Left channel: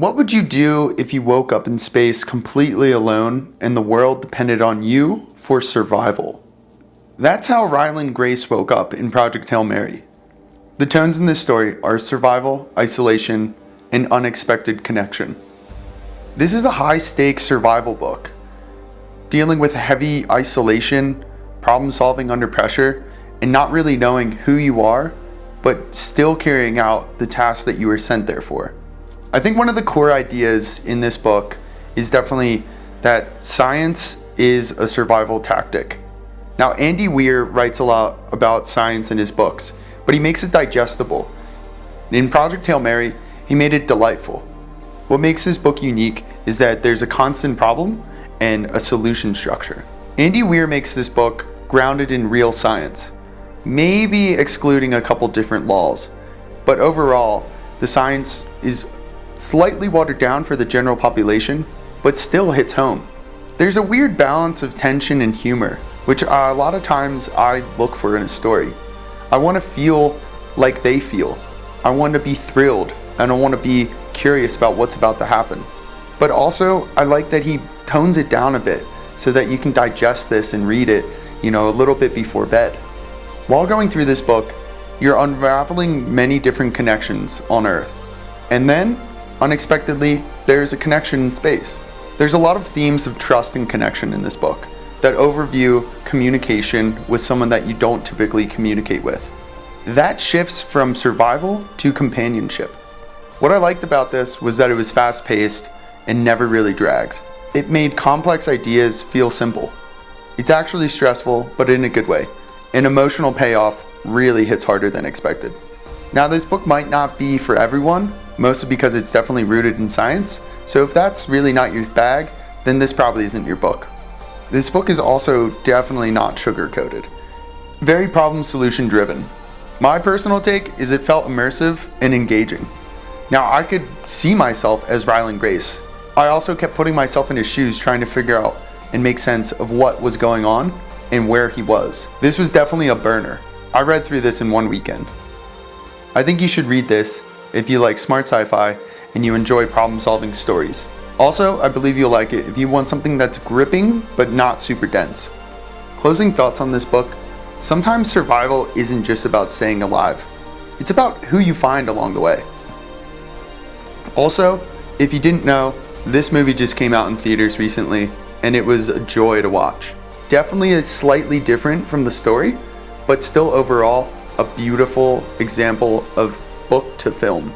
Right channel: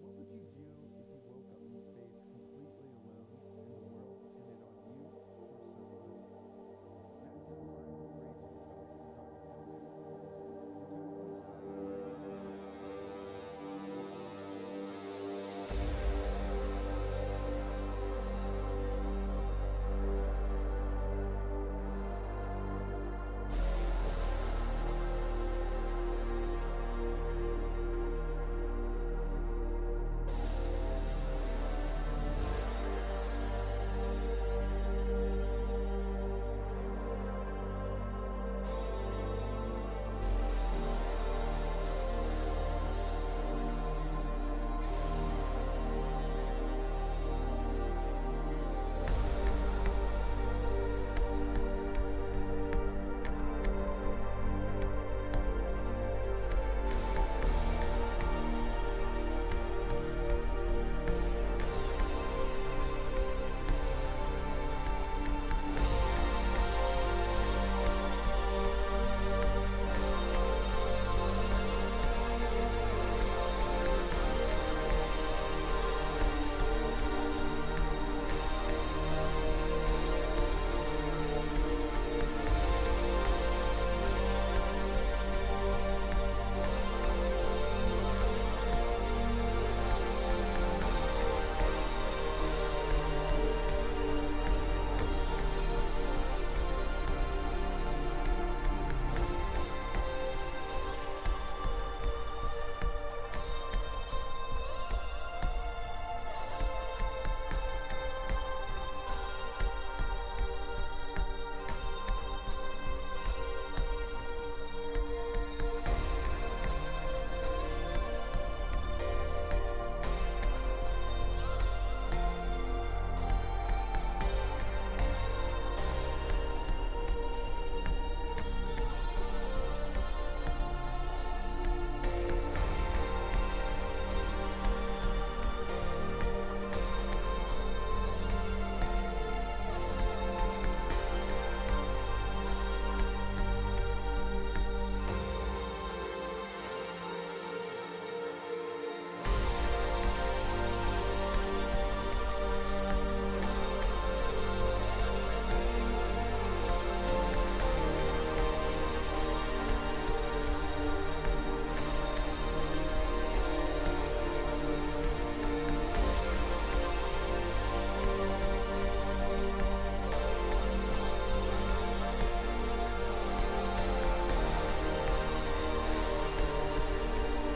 What would you do if you woke up in space completely alone and the world depended on you for survival? That's how Ryland Grace woke up in Project Hail Mary. The tones in this story are survival, isolation, and unexpected connection. This is a high-stakes survival book, dealing with heavy isolation, problem solving under pressure, and not really knowing who you are, but still carrying out the task that you were sent there for. I think one of the core ideas in this book is definitely that science is a survival tactic. Now, Andy Weir writes a lot about science in his books, but he makes it digestible. In Project Hail Mary, he made it delightful. What makes this book unique is that there's a constant problem and a solution structure. Andy Weir makes this book grounded in real science, maybe excluding a couple different laws, but overall, the science is slightly watered down for the general population, but still hits home. There's a weird balance of tension and humor, which a lot of times I look for in a story. I want to feel like they feel. I want to be thrilled, and I want to be curious about what's about to happen. But also, I like that he tones it down a bit so that you can digest this and read it, a little bit before bed. While going through this book, you're unraveling many different connections on Earth. And then, unexpectedly, there's a connection in space. There's a lot of themes of trust and connection in this book that overview communication with someone that you don't typically communicate with. That shifts from survival to companionship. What I liked about this was that it was fast-paced and never really drags. It made complex ideas feel simple. It's actually stressful, but in a good way. An emotional payoff really hits harder than expected. Now, this book might not be for everyone, mostly because it's definitely rooted in science, so if that's really not your bag, then this probably isn't your book. This book is also definitely not sugar-coated. Very problem-solution driven. My personal take is it felt immersive and engaging. Now, I could see myself as Ryland Grace. I also kept putting myself in his shoes, trying to figure out and make sense of what was going on and where he was. This was definitely a burner. I read through this in one weekend. I think you should read this if you like smart sci-fi and you enjoy problem-solving stories. Also, I believe you'll like it if you want something that's gripping but not super dense. Closing thoughts on this book: sometimes survival isn't just about staying alive. It's about who you find along the way. Also, if you didn't know, this movie just came out in theaters recently and it was a joy to watch. Definitely is slightly different from the story, but still overall a beautiful example of book to film.